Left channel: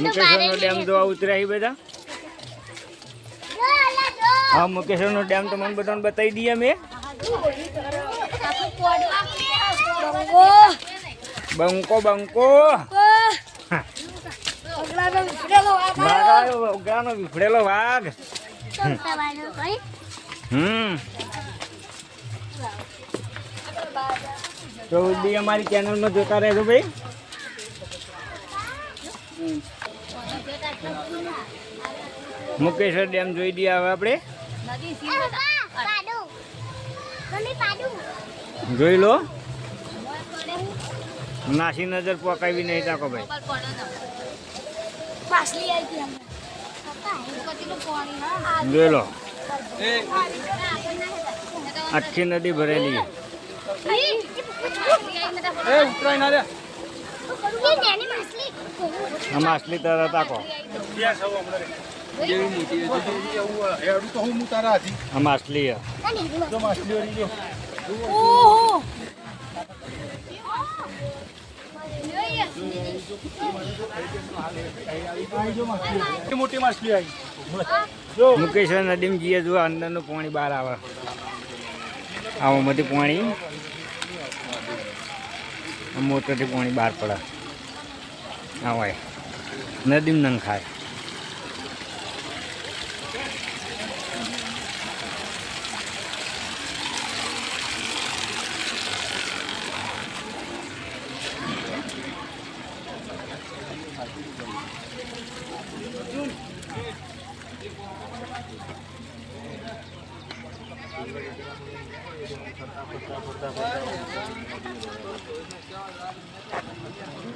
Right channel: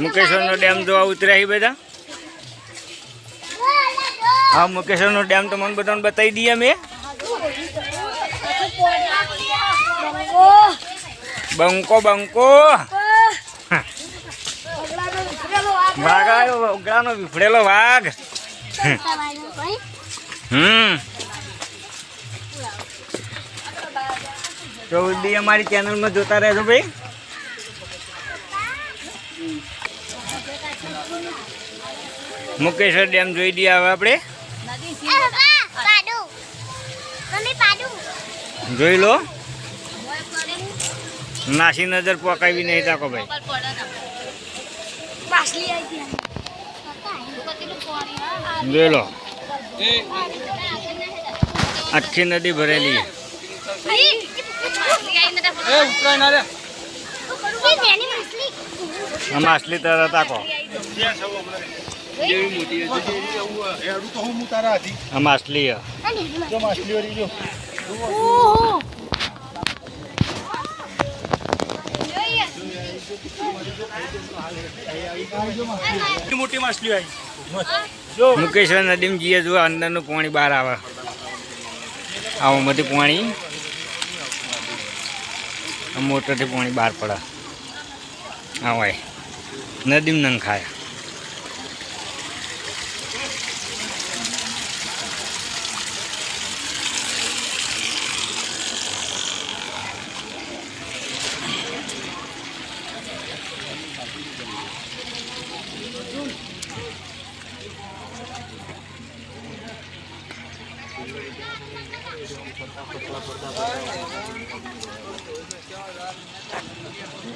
મુકેશ્વરનો dam જોવા ઉતર્યા બધા? હા મુકેશ્વરનો ડેમ તો મને બધાને બતાવી દઈએ મેં બંકો બંકો. વાઘ ઉગરાનો વિફળેલો વાઘ. હમ. તો બી અમારી ચેનલમાં જોતા રહેજો ભાઈ. મુકેશ્વર ડેમ જોઈ દઈએ હવે આપણે. જોઈ લો. નાસી નજર પકાવી નહીં તાકો ભાઈ. જોઈ લો. આખી નદી ભરેલી છે. આ આટલી તરત તાકો આ માછલી મોટી માછલી આવી મુકેશ્વર અંદરનું પાણી બહાર આવે. આવામાંથી પાણી. આ મોટરથી પાણી બહાર પડે. Away. Nadim ng kaya. Thank à? you.